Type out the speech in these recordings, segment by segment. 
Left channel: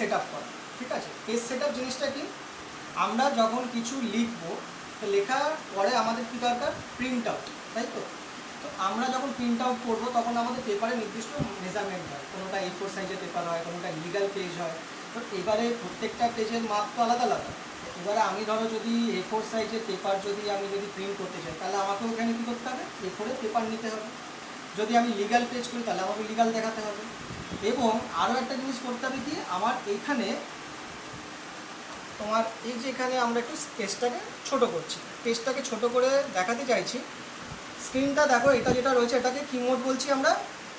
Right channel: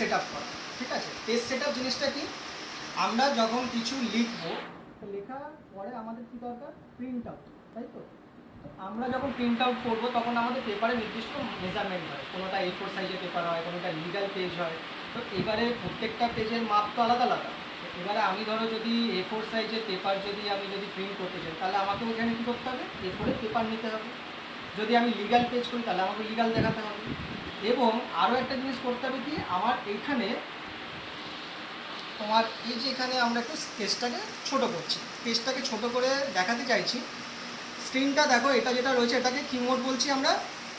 Set up করা, ঠিক আছে? পেজ সেট আপ জিনিসটা কি? আমরা যখন কিছু লিখব লেখার পরে আমাদের কি দরকার? প্রিন্ট আউট তাই তো? তো আমরা যখন প্রিন্ট আউট করব, তখন আমাদের পেপারে নির্দিষ্ট মেজারমেন্ট হয়। কোনোটা এ ফোর সাইজের পেপার হয়, কোনোটা লিগাল পেজ হয়। তো এবারে প্রত্যেকটা পেজের মাপ তো আলাদা আলাদা। এবারে আমি ধরো যদি এ ফোর সাইজের পেপার যদি আমি যদি প্রিন্ট করতে চাই, তাহলে আমাকে ওখানে কী করতে হবে? এ ফোরের পেপার নিতে হবে। যদি আমি লিগাল পেজ করি, তাহলে আমাকে লিগাল দেখাতে হবে। এবং আরও একটা জিনিস করতে হবে কি, আমার এইখানে তোমার এই যে এখানে আমরা একটু স্কেচটাকে ছোট করছি। পেজটাকে ছোট করে দেখাতে চাইছি। স্ক্রিনটা দেখো, এটা যেটা রয়েছে, এটাকে কিমোড বলছি আমরা,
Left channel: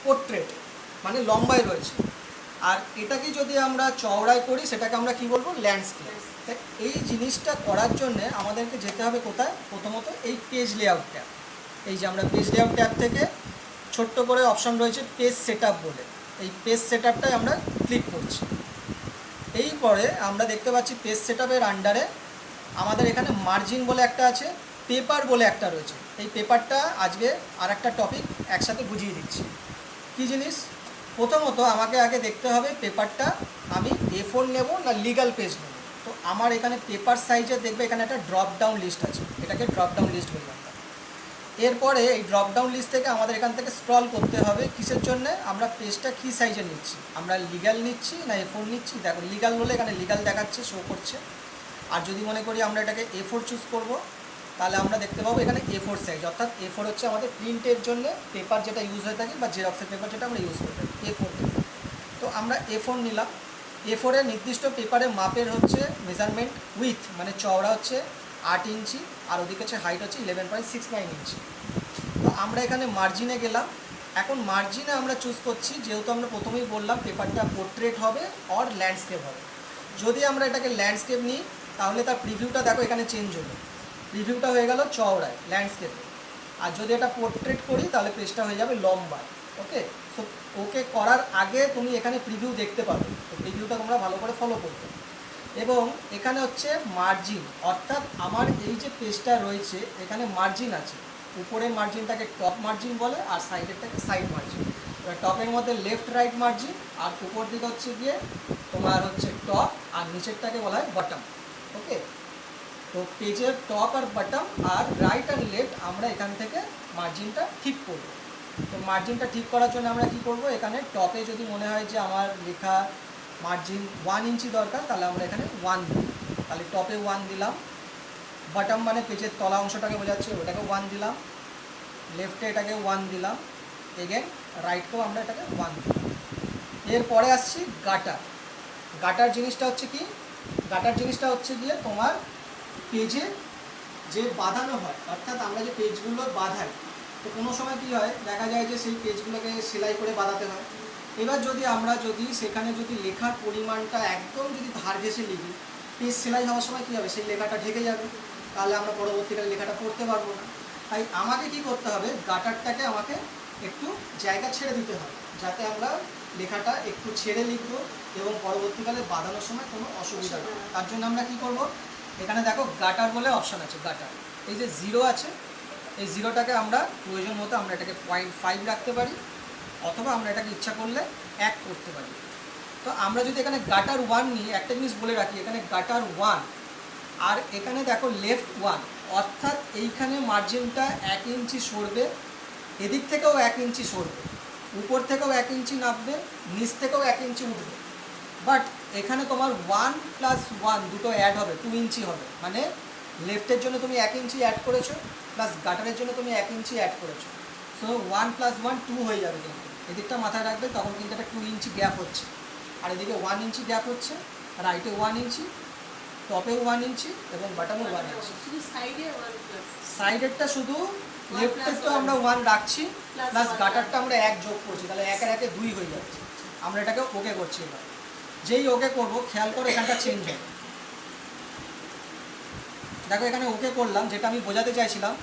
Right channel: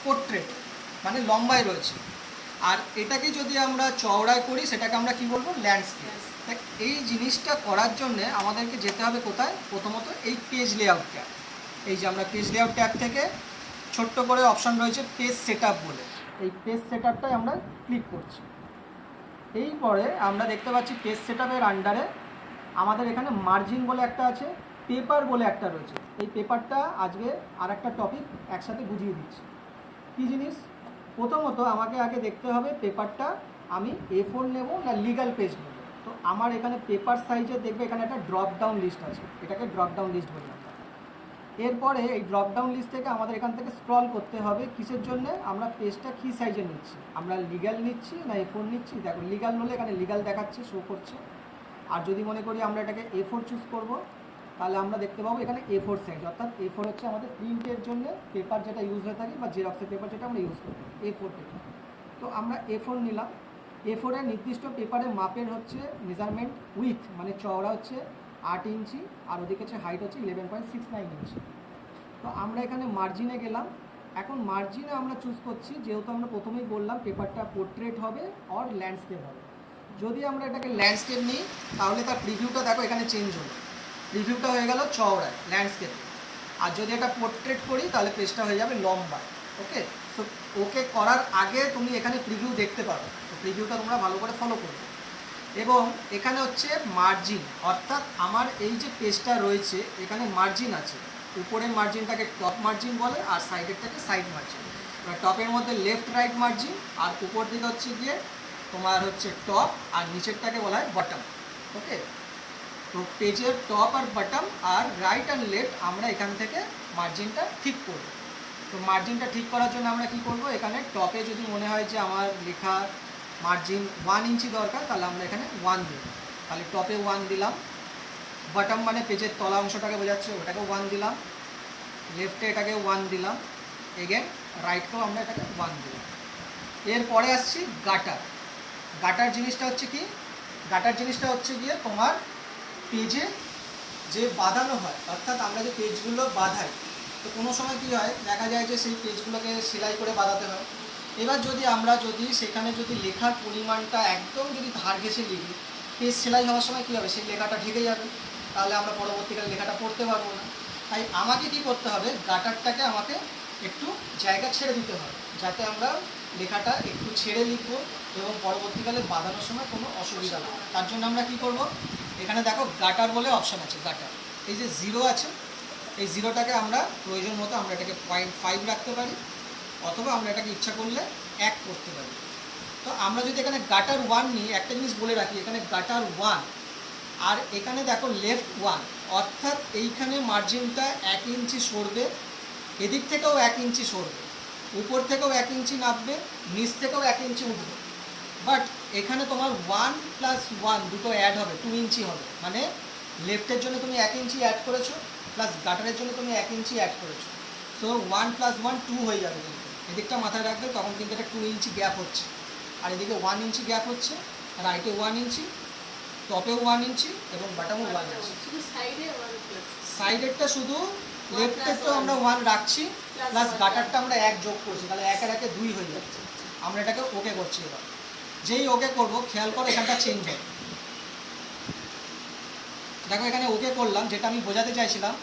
পোর্ট্রেট মানে লম্বায় রয়েছে। আর এটাকে যদি আমরা চওড়ায় করি, সেটাকে আমরা কি বলব? ল্যান্ডস্কেপ। এই জিনিসটা করার জন্যে আমাদেরকে যেতে হবে কোথায়? প্রথমত এই পেজ লেআউট ট্যাব। এই যে আমরা পেজ লেআউট ট্যাব থেকে ছোট্ট করে অপশান রয়েছে, পেজ সেট বলে। এই পেজ সেট আপটাই আমরা ক্লিক করছি। এই পরে আমরা দেখতে পাচ্ছি পেজ সেট আপের আন্ডারে আমাদের এখানে মার্জিন বলে একটা আছে পেপার বলে একটা রয়েছে। এই পেপারটা আজকে আর একটা টপিক একসাথে বুঝিয়ে দিচ্ছি। কী জিনিস? প্রথমত আমাকে আগে দেখতে হবে পেপারটা আমি এ ফোর নেব না লিগাল পেজ নেব? তো আমার এখানে পেপার সাইজে দেখবে এখানে একটা ড্রপ ডাউন লিস্ট আছে। এটাকে ড্রপ ডাউন লিস্ট বললাম এরপরে এই ড্রপ ডাউন লিস্ট থেকে আমাদের এখান থেকে স্ক্রল করতে হবে, কিসের জন্য? আমরা পেজটা কী সাইজের নিচ্ছি? আমরা লিগাল নিচ্ছি না এ ফোর নিচ্ছি? দেখো লিগাল হলে এখানে লিগাল দেখাচ্ছে শো করছে। আর যদি মনে করি আমরা এটাকে এ ফোর চুজ করব, তাহলে আমরা দেখতে পাবো এখানে এ ফোর সাইজ অর্থাৎ এ ফোর হচ্ছে আমাদের প্রিন্টের জন্য পেপার যেটা ইউজ হয়ে থাকে বা জেরক্সের পেপার যেটা আমরা ইউজ করে থাকি এ ফোর তো আমরা এ ফোর নিলাম। এ ফোরের নির্দিষ্ট পেপারের মাপের হচ্ছে মেজারমেন্ট উইথ মানে চওড়া হচ্ছে আট ইঞ্চি, আর ওদিকে হচ্ছে হাইট হচ্ছে eleven point six nine inch. তো আমরা এখানে মার্জিনে গেলাম। এখন মার্জিনে আমরা চুজ করছি, যেহেতু আমরা প্রথমেই বললাম পেপারটা পোর্ট্রেট হবে অর ল্যান্ডস্কেপ হবে। যদি আমরা এটাকে ল্যান্ডস্কেপ নিই, তাহলে তার প্রিভিউটা দেখো এখানে চেঞ্জ হবে রিভিউটা হয়ে গেল চওড়ায় ল্যান্ডস্কেপ আর যদি এটা পোর্ট্রেট করি, তাহলে পেজটা হয়ে যাবে লম্বা ওকে সো ওকে করার আগে তুমি এখানে প্রিভিউ দেখতে পারো। তো প্রিভিউটা তোমরা ভালো করে ফলো করবে। এবং এখানে হচ্ছে মার্জিন অর্থাৎ আমার এই যে পেজটা রয়েছে, এখানে মার্জিন আছে। উপরের মার্জিনটাকে টপ মার্জিন বলে, আর সাইডেরটাকে সাইড মার্জিন এবার টপের মধ্যে লেফট রাইট মার্জিন আর উপর দিকে হচ্ছে গিয়ে তোমার হচ্ছে টপ আর নিচেরটাকে বলা হয় বটম ওকে তো পেজের টপ আর বটম আর রাইট আর লেফট আমরা এখান থেকে মার্জিনটা ঠিক করব। তো মার্জিনটা ঠিক করার জন্য আমরা কি করব? এখানে টপে যদি মনে হয় যে আমার লেখা মার্জিন ওয়ান ইঞ্চি দরকার, তাহলে আমরা এখানে ওয়ান দিই তাহলে টপে ওয়ান দিলাম। বটম মানে পেজের তলা অংশটাকে বোঝাচ্ছে, ওটাকে ওয়ান দিলাম। লেফটে এটাকে ওয়ান দিলাম। এগেন রাইটকেও আমরা এটাকে ওয়ান দিলাম। এরপরে আসছি গাটার গাটার জিনিসটা হচ্ছে কি? গাটার জিনিসটা হচ্ছে গিয়ে তোমার পেজে যে বাঁধানো হয়, অর্থাৎ আমরা যে পেজগুলো বাঁধাই, তো কোনো সময় কী হয়, দেখা যায় যে সেই পেজগুলোকে সেলাই করে বাঁধাতে হয়। এবার যদি আমরা যদি সেখানে যদি লেখার পরিমাণটা একদম যদি ধার ঘেসে লিখি, পেজ সেলাই হওয়ার সময় কী হবে? সেই লেখাটা ঢেকে যাবে। তাহলে আমরা পরবর্তীকালে লেখাটা পড়তে পারব না। তাই আমাকে কি করতে হবে? গাটারটাকে আমাকে একটু জায়গা ছেড়ে দিতে হবে, যাতে আমরা লেখাটা একটু ছেড়ে লিখব এবং পরবর্তীকালে বাঁধানোর সময় কোনো অসুবিধা না তার জন্য আমরা কি করব? এখানে দেখো গাটার বলে অপশান আছে গাটার এই যে জিরো আছে, এই জিরোটাকে আমরা প্রয়োজন মতো আমরা এটাকে পয়েন্ট ফাইভ রাখতে পারি। অথবা আমরা এটাকে ইচ্ছা করলে এক করতে পারি। তো আমরা যদি এখানে গাটার ওয়ান নিই, একটা জিনিস বলে রাখি, এখানে গাটার ওয়ান আর এখানে দেখো লেফট ওয়ান অর্থাৎ এইখানে মার্জিনটা এক ইঞ্চি সরবে, এদিক থেকেও এক ইঞ্চি সরবে, উপর থেকেও এক ইঞ্চি নামবে, নিচ থেকেও এক ইঞ্চি উঠবে। বাট এখানে তোমার ওয়ান প্লাস ওয়ান দুটো অ্যাড হবে টু ইঞ্চি হবে। মানে লেফটের জন্য তুমি এক ইঞ্চি অ্যাড করেছ প্লাস গাটারের জন্য তুমি এক ইঞ্চি অ্যাড করেছ। So one plus one two হয়ে যাবে কিন্তু। এদিকটা মাথায় রাখবে তখন কিন্তু একটা টু ইঞ্চি গ্যাপ হচ্ছে। আর এদিকে ওয়ান ইঞ্চি গ্যাপ হচ্ছে রাইটে ওয়ান ইঞ্চি টপে ওয়ান ইঞ্চি এবং বাটামও ওয়ান ইঞ্চি সাইডেরটা শুধু লেফটের তো আমরা ওয়ান রাখছি প্লাস গাটারটা আমরা এক যোগ করছি তাহলে একের একে দুই হয়ে যাচ্ছে। আমরা এটাকে ওকে করছি এবার। যেই ওকে করব খেয়াল করো এখানটা চেঞ্জ হয় দেখো এখানে ওকে করলাম যেটা আমি বোঝাতে চাইছিলাম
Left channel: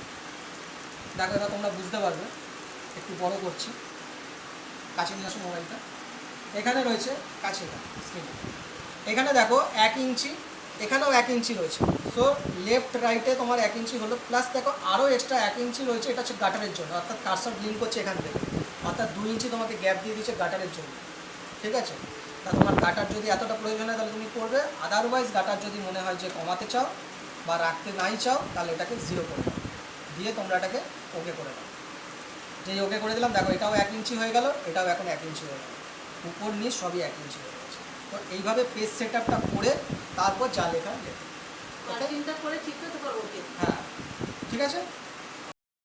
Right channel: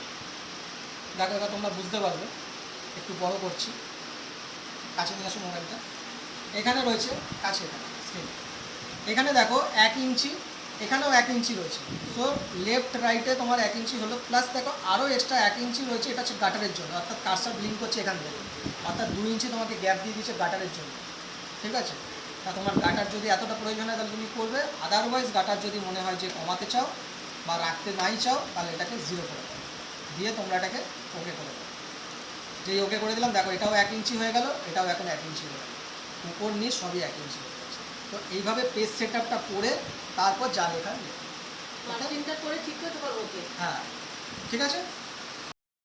দেখো এবার তোমরা বুঝতে পারবে একটু বড় করছি। কাছে নিয়ে আসো মোবাইলটা। এখানে রয়েছে কাছে স্ক্রিন এখানে দেখো এক ইঞ্চি, এখানেও এক ইঞ্চি রয়েছে। সো লেফট রাইটে তোমার এক ইঞ্চি হলো প্লাস দেখো আরও এক্সট্রা এক ইঞ্চি রয়েছে, এটা হচ্ছে গাটারের জন্য। অর্থাৎ কারসার ব্লিঙ্ক করছে এখান থেকে। অর্থাৎ দুই ইঞ্চি তোমাকে গ্যাপ দিয়ে দিচ্ছে গাটারের জন্য। ঠিক আছে? তা তোমার গাটার যদি এতটা প্রয়োজন হয়, তাহলে তুমি করবে। আদারওয়াইজ গাটার যদি মনে হয় যে কমাতে চাও বা রাখতে নাই চাও, তাহলে এটাকে জিরো করে দাও। দিয়ে তোমরা এটাকে ওকে করে দাও। যেই ওকে করে দিলাম দেখো এটাও এক ইঞ্চি হয়ে গেল এটাও এখন এক ইঞ্চি হয়ে গেল। উপর নিয়ে সবই এক ইঞ্চি হয়ে গেছে। তো এইভাবে পেজ সেট আপটা করে তারপর যা লেখা লেখা। করে ঠিক করে তোমার ওকে হ্যাঁ ঠিক আছে?